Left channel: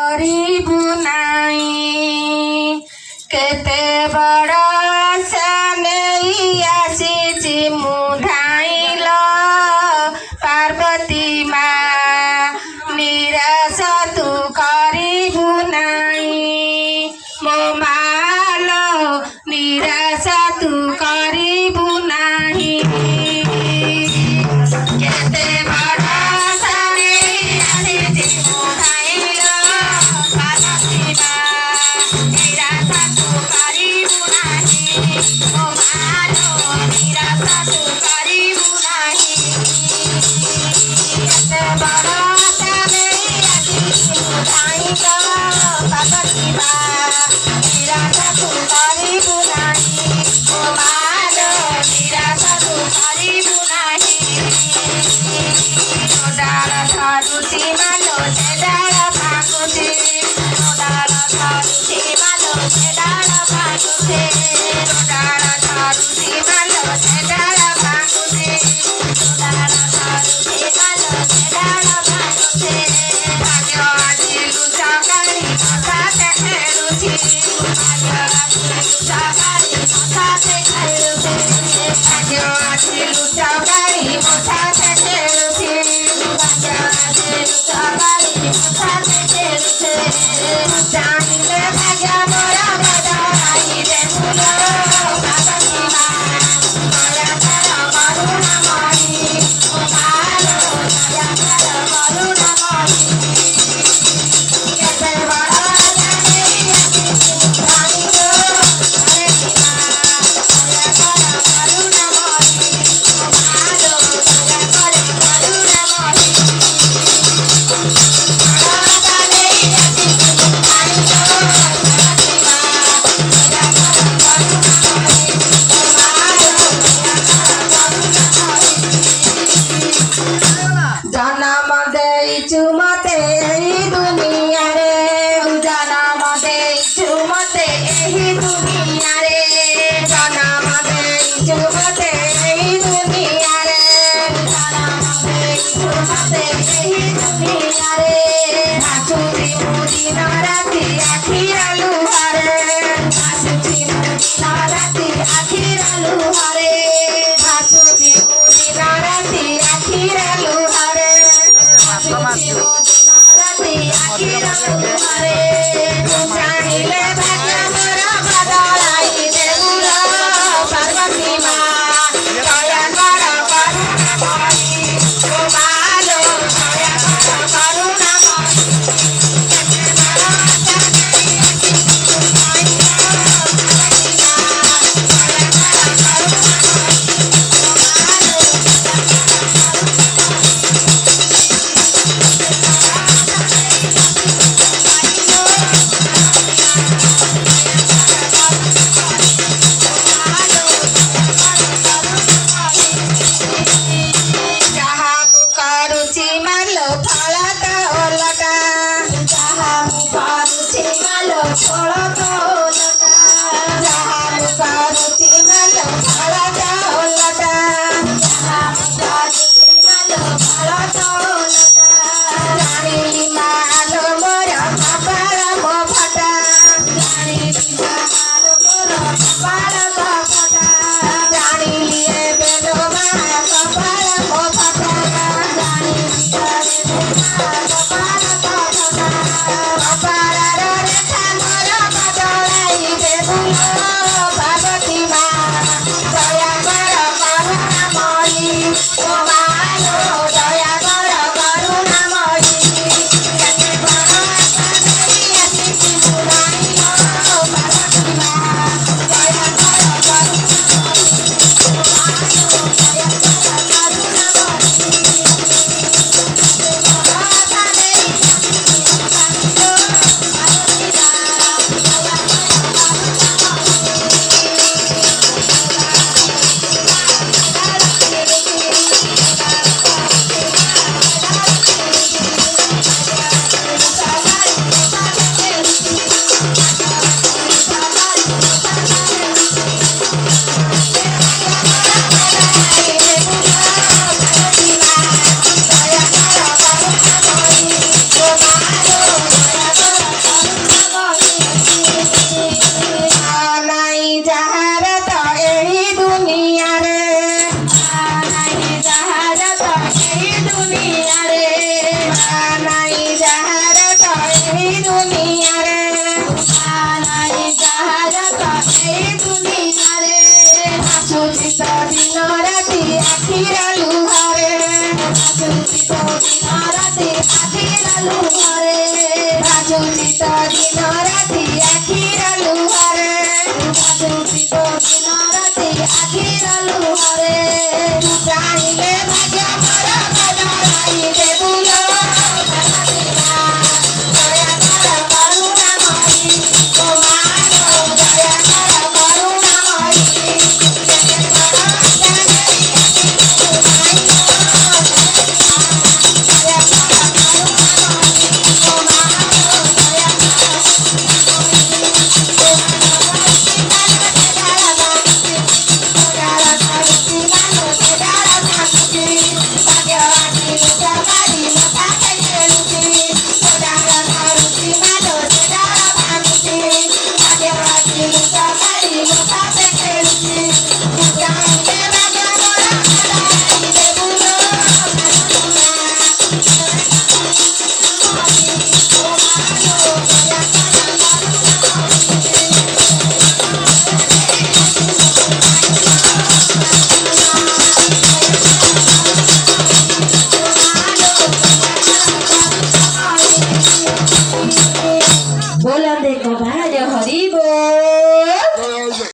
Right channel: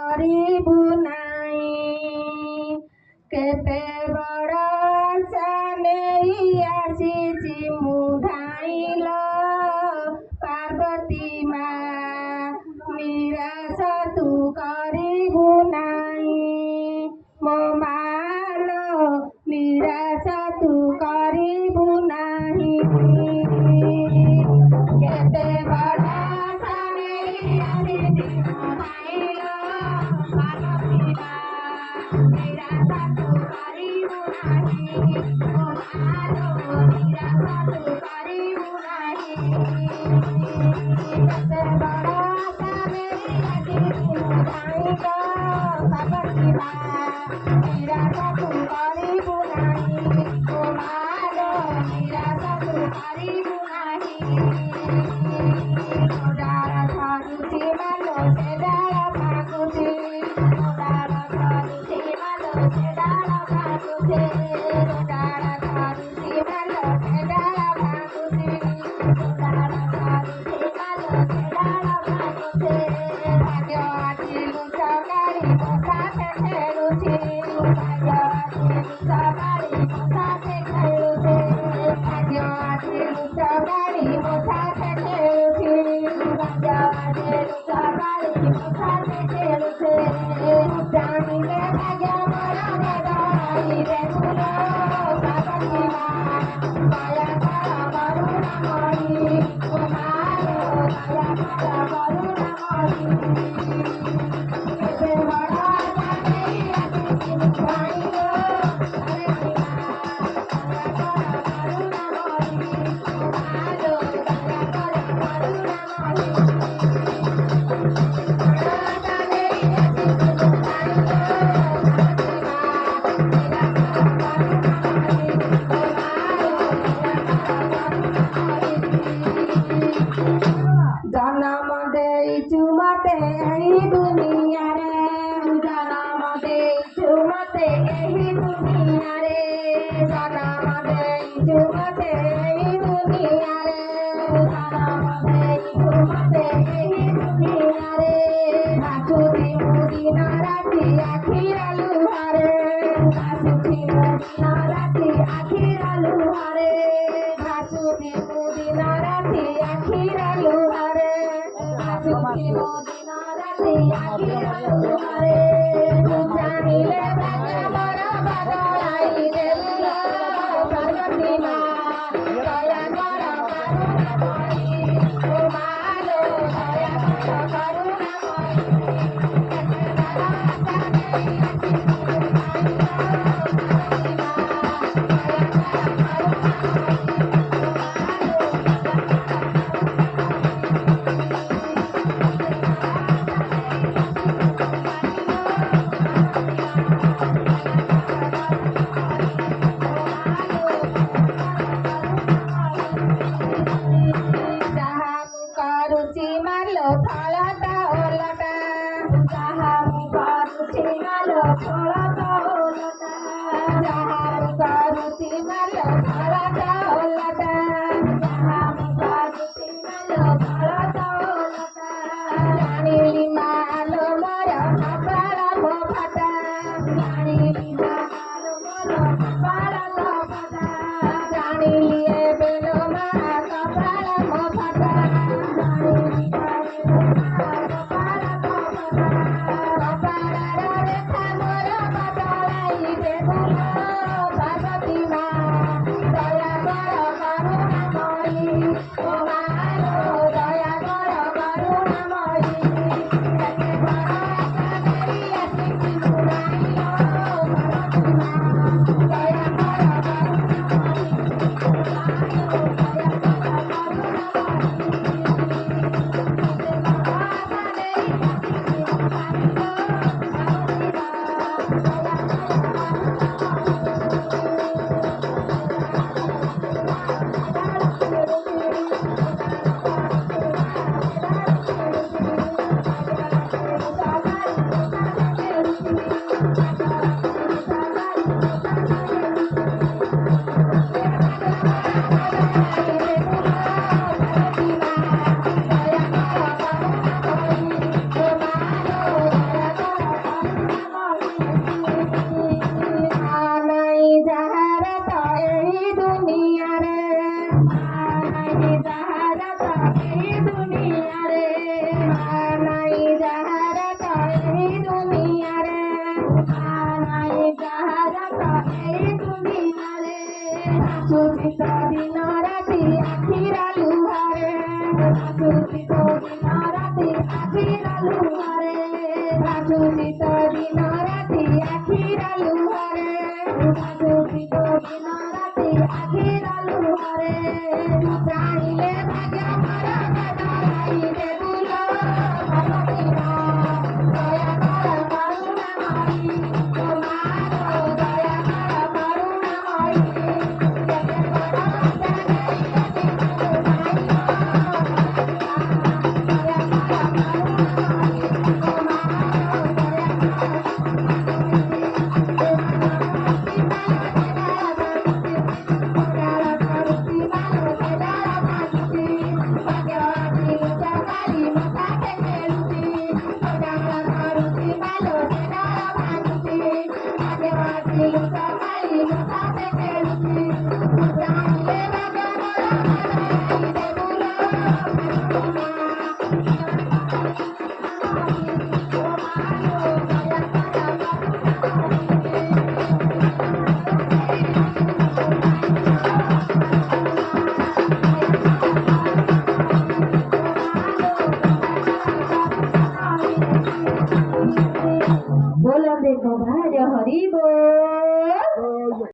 କରିବୁ ନାହିଁ। କେତେ ବଡ଼ ଆଶା ନେଇ ଆସିଛି ମୁଁ ଧାଇଁଲ ପାର୍ବତୀ ମା, ନିରାଶ ତୁ କରିବୁ ନାହିଁ। ମୋ ମାଲୋ ନିରାଶ ତୁ କରିବୁ ନାହିଁ। କେତେ ବଡ଼ ଆଶା ନେଇ ଆସିଛି ମୁଁ ଧାଇଁଲ ପାର୍ବତୀ ମା, ନିରାଶ ତୁ କରିବୁ ନାହିଁ। ମୋ ମାଲୋ ନିରାଶ ତୁ କରିବୁ ନାହିଁ। କେତେ ବଡ଼ ଆଶା ନେଇ ଆସିଛି ମୁଁ ଧାଇଁଲ ପାର୍ବତୀ ମା, ନିରାଶ ତୁ କରିବୁ ନାହିଁ। ମୋ ମାଲୋ ନିରାଶ ତୁ କରିବୁ ନାହିଁ। ଡାଳ ଧରୁଛି ମାଲୋ ସେ ଡାଳ ଭାଙ୍ଗୁଛି, ଡାଳ ଧରୁଛି ମାଲୋ ସେ ଡାଳ ଭାଙ୍ଗୁଛି, ଡାଳ ଧରୁଛି ମାଲୋ ସେ ଡାଳ ଭାଙ୍ଗୁଛି, ଡାଳ ଧରୁଛି ମାଲୋ ସେ ଡାଳ ଭାଙ୍ଗୁଛି। ଭାଗ୍ୟ ଆଜି ଲୁଚ ଗାଳି ହଠାତ୍ ଖେଳୁଛି, ଭାଗ୍ୟ ଆଜି ଲୁଚ ଗାଳି ହଠାତ୍ ଖେଳୁଛି, ଭାଗ୍ୟ ଆଜି ଲୁଚ ଗାଳି ହଠାତ୍ ଖେଳୁଛି, ଭାଗ୍ୟ ଆଜି ଲୁଚ ଗାଳି ହଠାତ୍ ଖେଳୁଛି। ଜାଣିଲେ ଭାଗ୍ୟ ମୋର ବଦଳାଇଲେ ଫୁଲ ପାର୍ବତୀ ମା, ଦୟାକର କରୁଣାମୟୀ, ମୋ ମାଲୋ ଦୟାକର କରୁଣାମୟୀ। କେତେ ବଡ଼ ଆଶା ନେଇ ଆସିଛି ମୁଁ ଧାଇଁଲ ପାର୍ବତୀ ମା, ଦୟାକର କରୁଣାମୟୀ, ମୋ ମାଲୋ ଦୟାକର କରୁଣାମୟୀ। ଆଶା ନେଇ ଆସିଛି ମୁଁ ଧାଇଁଲ ପାର୍ବତୀ ମା, ଦୟାକର କରୁଣାମୟୀ, ମୋ ମାଲୋ ଜନମ ଦେଇଛୁ ମତେ ଏହି ଦୁନିଆରେ, ଜନମ ଦେଇଛୁ ମତେ ଏହି ଦୁନିଆରେ, ଜନମ ଦେଇଛୁ ମତେ ଏହି ଦୁନିଆରେ, ଜନମ ଦେଇଛୁ ମତେ ଏହି ଦୁନିଆରେ। ଭାସୁଛି ମୁଁ ଦିନ ରାତି ଆଖିର ଲୁହରେ, ଭାସୁଛି ମୁଁ ଦିନ ରାତି ଆଖିର ଲୁହରେ, ଭାସୁଛି ମୁଁ ଦିନ ରାତି ଆଖିର ଲୁହରେ, ଭାସୁଛି ମୁଁ ଦିନ ରାତି ଆଖିର ଲୁହରେ। ଜାଣିଲେ ଭାଗ୍ୟ ମୋର ବଦଳାଇଲେ ଫୁଲ ପାର୍ବତୀ ମା, ଦୟାକର କରୁଣାମୟୀ, ମୋ ମାଲୋ ଦୟାକର କରୁଣାମୟୀ। କେତେ ବଡ଼ ଆଶା ନେଇ ଆସିଛି ମୁଁ ଧାଇଁଲ ପାର୍ବତୀ ମା, ଦୟାକର କରୁଣାମୟୀ, ମୋ ମାଲୋ ଯାହା ମୁଁ କରୁଛି ମାଲୋ ଫଳ ତ ଓଲଟା, ଯାହା ମୁଁ କରୁଛି ମାଲୋ ଫଳ ତ ଓଲଟା, ଯାହା ମୁଁ କରୁଛି ମାଲୋ ଫଳ ତ ଓଲଟା, ଯାହା ମୁଁ କରୁଛି ମାଲୋ ଫଳ ତ ଓଲଟା। ଜାଣିଲି ମାଲୋ ମୋର କପାଳ ମୋ ଫଟା, ଜାଣିଲି ମାଲୋ ମୋର କପାଳ ମୋ ଫଟା, ଜାଣିଲି ଏବେ ଲୋ ମା କପାଳ ମୋ ଫଟା, ଜାଣିଲି ଏବେ ମା କପାଳ ମୋ ଫଟା। କପାଳର ରେଖା ମୋର ବଦଳାଇଲେ ଫୁଲ ପାର୍ବତୀ ମା, ଦୟାକର କରୁଣାମୟୀ, ମୋ ମାଲୋ ଦୟାକର କରୁଣାମୟୀ। କେତେ ବଡ଼ ଆଶା ନେଇ ସୁଜିତ